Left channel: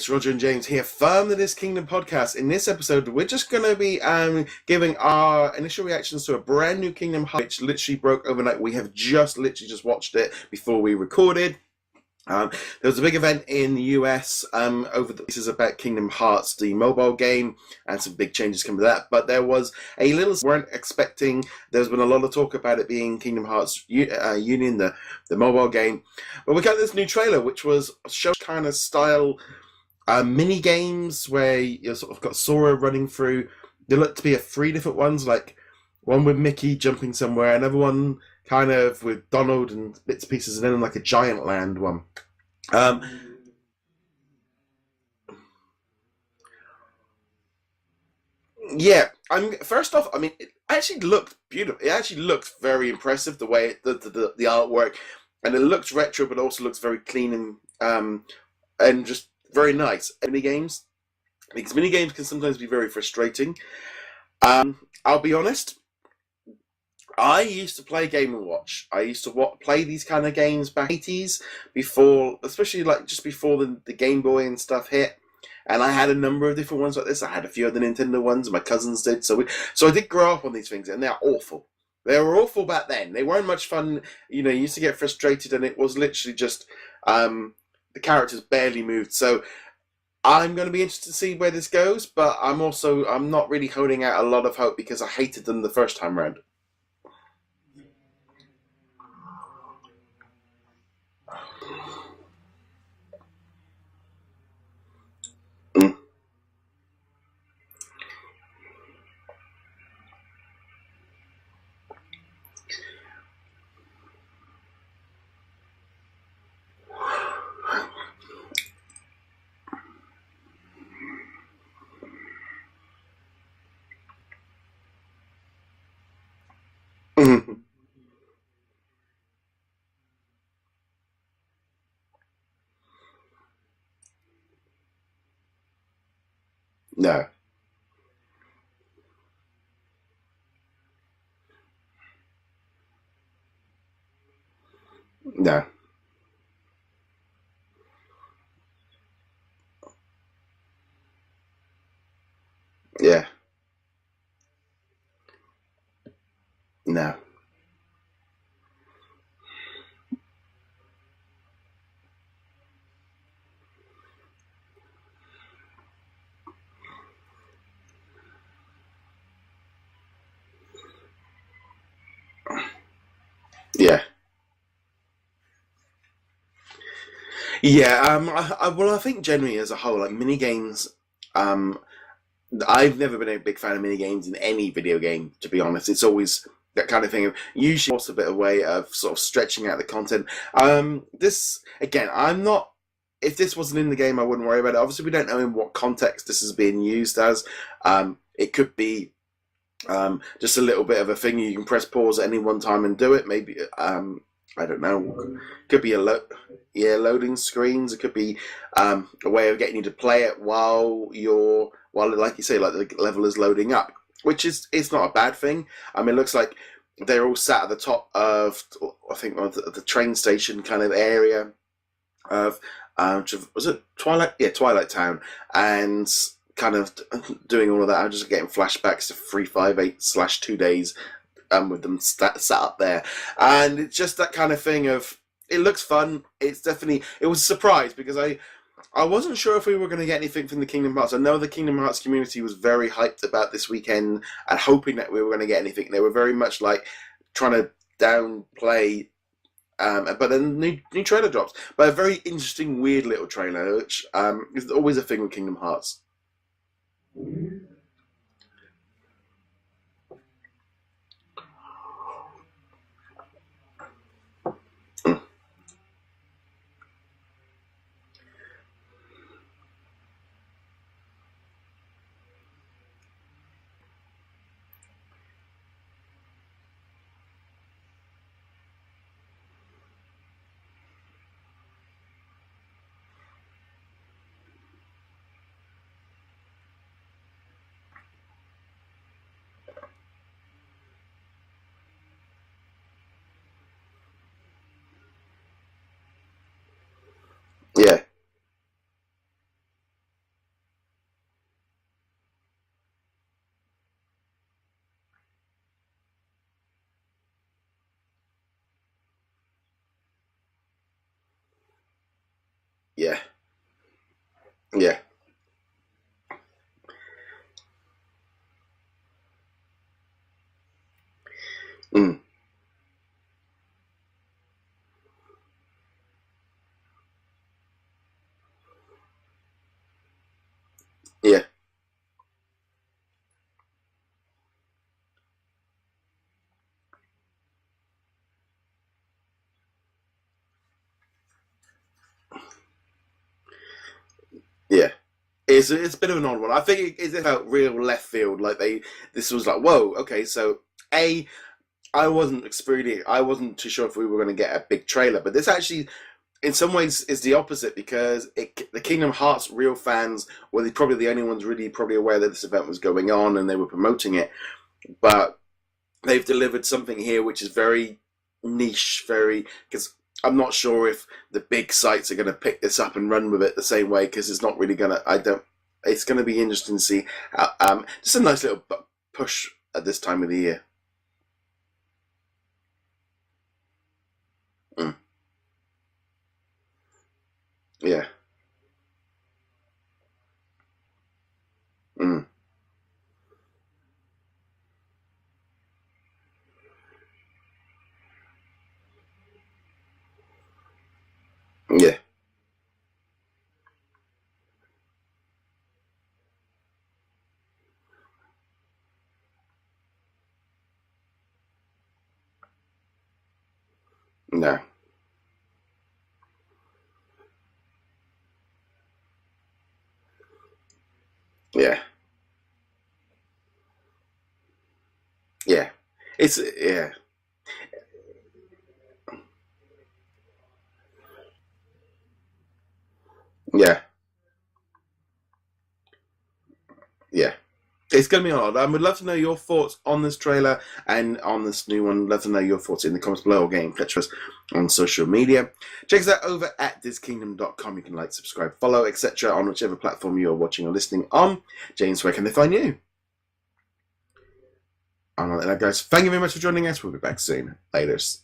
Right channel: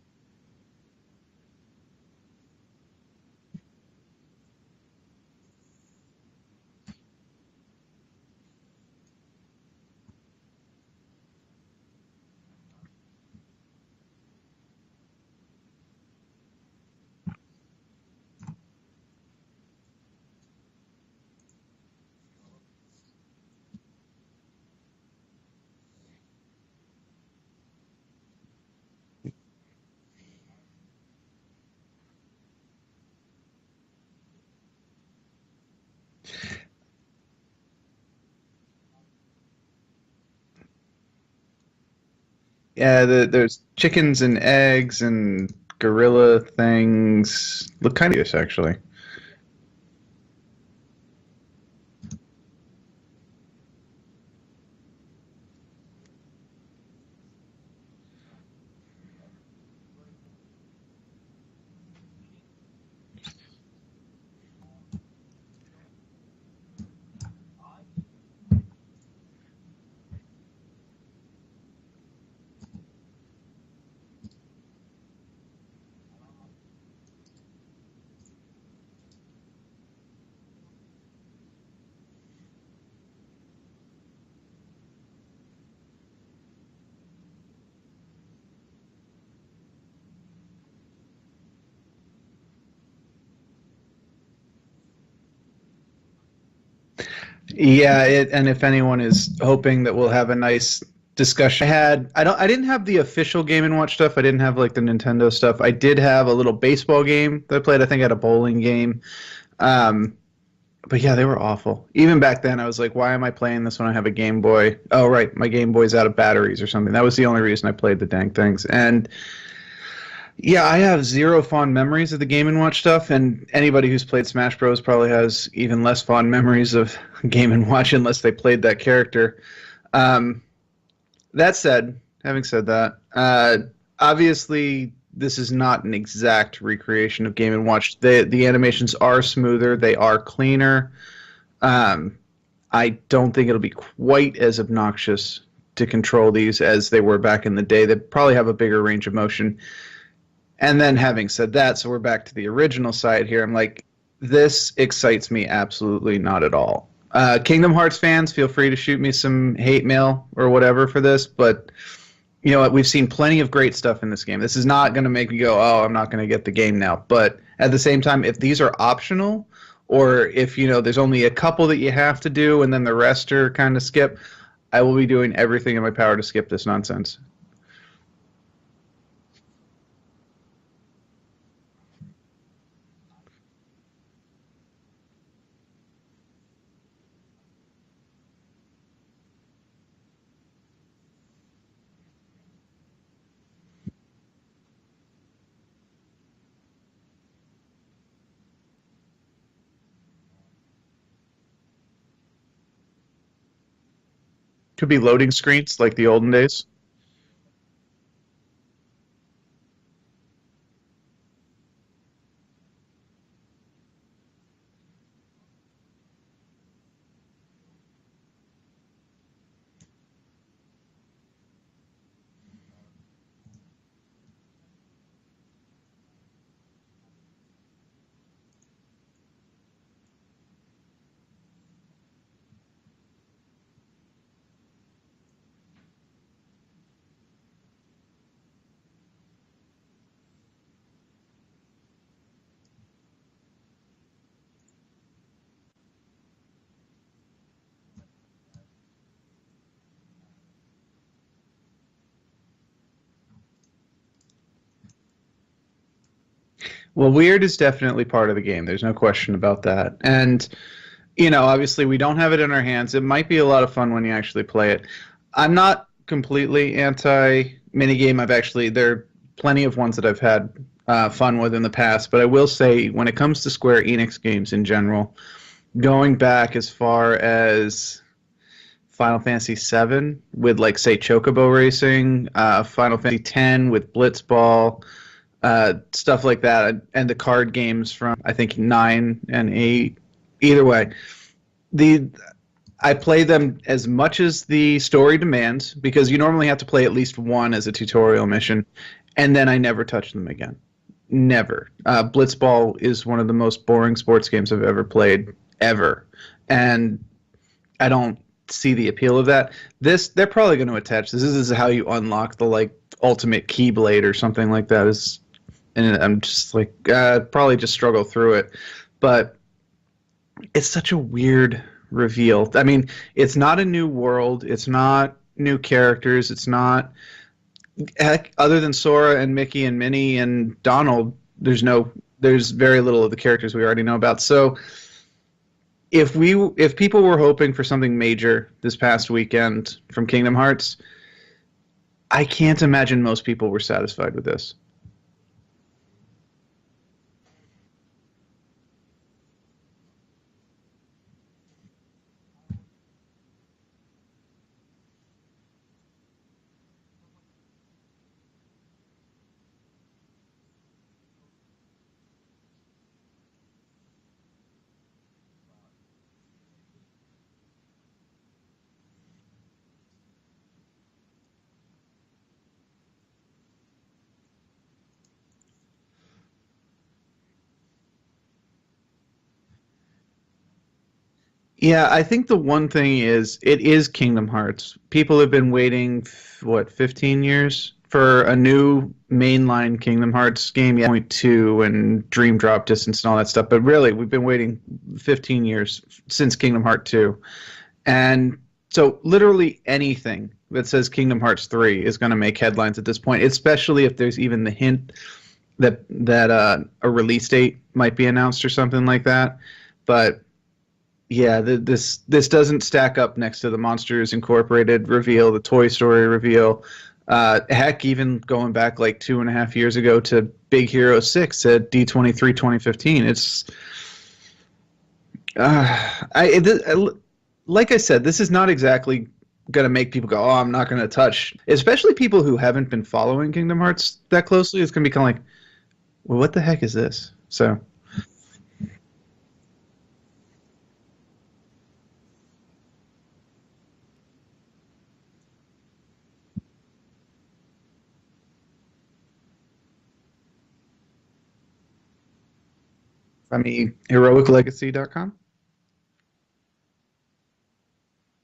It's Roger and James here from the DisKingdom Podcast. In this episode, we're just going to be giving our initial reactions to a brand new Kingdom Hearts, which literally broke overnight. We have literally just watched it before we recorded. There was a big event in the US this is about Kingdom Hearts, the mobile game, and some big changes coming to that. But there was a little weren't expecting. There's been a lot of talk about it being Kingdom Hearts Union, the mobile game. But we got this new trailer, which was show kind of style mini games where you sort of got Sora running through. There looked to be 3 different ones, like one with Mickey jumping somewhere, another one kind of with Donald and bits and pieces, and then like a giant land one. There's chickens and eggs and gorilla things. Look kind of nice, actually. Yeah, first off, it actually looked beautiful. It actually looks very impressive, the way the artwork, and it looks retro, but also looks very clean and just very nice. Mini games, because mini games can sometimes be very frustrating. I'll be honest. I used to play Game & Watch. I used to play these kind of games back in the 80s, especially like just before the Game Boy and stuff hit. And I had a number of different ones like this. I had a few of the Nintendo ones, my cousins did. So I did grow up on these things, and they're awful. They were awful back then. They weren't much fun. You used to get frustrated, and it was literally just the characters barely moved. So I'm going to be interested to see where this goes, but I'm not really holding out a lot of hope because I hated them the first time around. Yeah, and if anyone is hoping that we'll have a nice discussion, I didn't have the official Game & Watch stuff. I didn't have like the Nintendo stuff. I did have a little baseball game that I played. I think I had a bowling game. But yeah, they were awful. Even back then, I was like, why am I playing this when I have a Game Boy? Oh, right, my Game Boy's out of batteries or something. That was the only reason I played the dang things. And yeah, I have zero fond memories of the Game & Watch stuff, and anybody who's played Smash Bros. Probably has even less fond memories of Game & Watch unless they played that character. Having said that, obviously this is not an exact recreation of Game & Watch. The animations are smoother, they are cleaner. I don't think it'll be quite as obnoxious to control these as they were back in the day. They probably have a bigger range of motion. And then having said that, so we're back to the original side here. I'm like, this excites me absolutely not at all. No. Kingdom Hearts fans, feel free to shoot me some hate mail or whatever for this, but you know what? We've seen plenty of great stuff in this game. This is not going to make me go, oh, I'm not going to get the game now. But at the same time, if these are optional, or if there's only a couple that you have to do and then the rest are kind of skip, I will be doing everything in my power to skip this nonsense. Yeah, I think generally as a whole, like mini games, I've never been a big fan of mini games in any video game, to be honest. It's always that kind of thing of usually also a bit of way of sort of stretching out the content. This again, if this wasn't in the game, I wouldn't worry about it. Obviously, we don't know in what context this is being used as. It could be just a little bit of a thing you can press pause at any one time and do it. Maybe I don't know. Could be loading screens like the olden days. Yeah, loading screens. It could be a way of getting you to play it while like you say, like the level is loading up, which it's not a bad thing. It looks like they're all sat at the top of, I think, the train station kind of area of, was it Twilight? Yeah, Twilight Town, and kind of doing all of that. I'm just getting flashbacks to 358/2 days. With them sat up there, and it's just that kind of thing of, it looks fun. It was a surprise because I wasn't sure if we were going to get anything from the Kingdom Hearts. I know the Kingdom Hearts community was very hyped about this weekend and hoping that we were going to get anything. They were very much like trying to downplay, but then new trailer drops, but a very interesting, weird little trailer, which is always a thing with Kingdom Hearts. Well, weird is definitely part of the game. There's no question about that, and obviously we don't have it in our hands. It might be a lot of fun when you actually play it. I'm not completely anti-minigame. There are plenty of ones that I've had fun with in the past, but I will say when it comes to Square Enix games in general, going back as far as Final Fantasy VII with, like, say, Chocobo Racing, Final Fantasy X with Blitzball, stuff like that, and the card games from, I think, 9 and 8. Either way, I play them as much as the story demands, because you normally have to play at least one as a tutorial mission. and then I never touched them again. Never. Blitzball is one of the most boring sports games I've ever played, ever. And I don't see the appeal of that. They're probably going to attach this. This is how you unlock the ultimate Keyblade or something like that. Yeah. And I'm just like, probably just struggle through it. But it's such a weird reveal. I mean, it's not a new world. It's not new characters. It's not, heck, other than Sora and Mickey and Minnie and Donald, there's very little of the characters we already know about. So if people were hoping for something major this past weekend from Kingdom Hearts, I can't imagine most people were satisfied with this. Yeah. It's a bit of an odd one. I think it felt real left field. This was like, whoa, okay, so I wasn't too sure if we were going to get a big trailer, but this actually, in some ways, is the opposite, because the Kingdom Hearts real fans were probably the only ones really probably aware that this event was going on and they were promoting it, but they've delivered something here which is very niche, because I'm not sure if the big sites are going to pick this up and run with it the same way, because it's not really going to, it's going to be interesting to see. Just a nice little push at this time of the year. Yeah, I think the one thing is, it is Kingdom Hearts. People have been waiting, 15 years for a new mainline Kingdom Hearts game, 2 and Dream Drop Distance and all that stuff. But really, we've been waiting 15 years since Kingdom Hearts 2. And so literally anything that says Kingdom Hearts 3 is going to make headlines at this point, especially if there's even the hint that a release date might be announced or something like that. But yeah, this doesn't stack up next to the Monsters Incorporated reveal, the Toy Story reveal. Heck, even going back 2.5 years ago to Big Hero 6 at D23 2015. It's like I said, this is not exactly going to make people go, oh, I'm not going to touch. Especially people who haven't been following Kingdom Hearts that closely. It's going to be kind of like, well, what the heck is this? Yeah. So it's going to be odd. I would love to know your thoughts on this trailer and on this new one. Love to know your thoughts in the comments below, or get in touch with us on social media. Check us out over at DisKingdom.com. You can subscribe, follow, etc. on whichever platform you're watching or listening on. James, where can they find you? I mean, heroiclegacy.com. All right, guys. Thank you very much for joining us. We'll be back soon. Laters.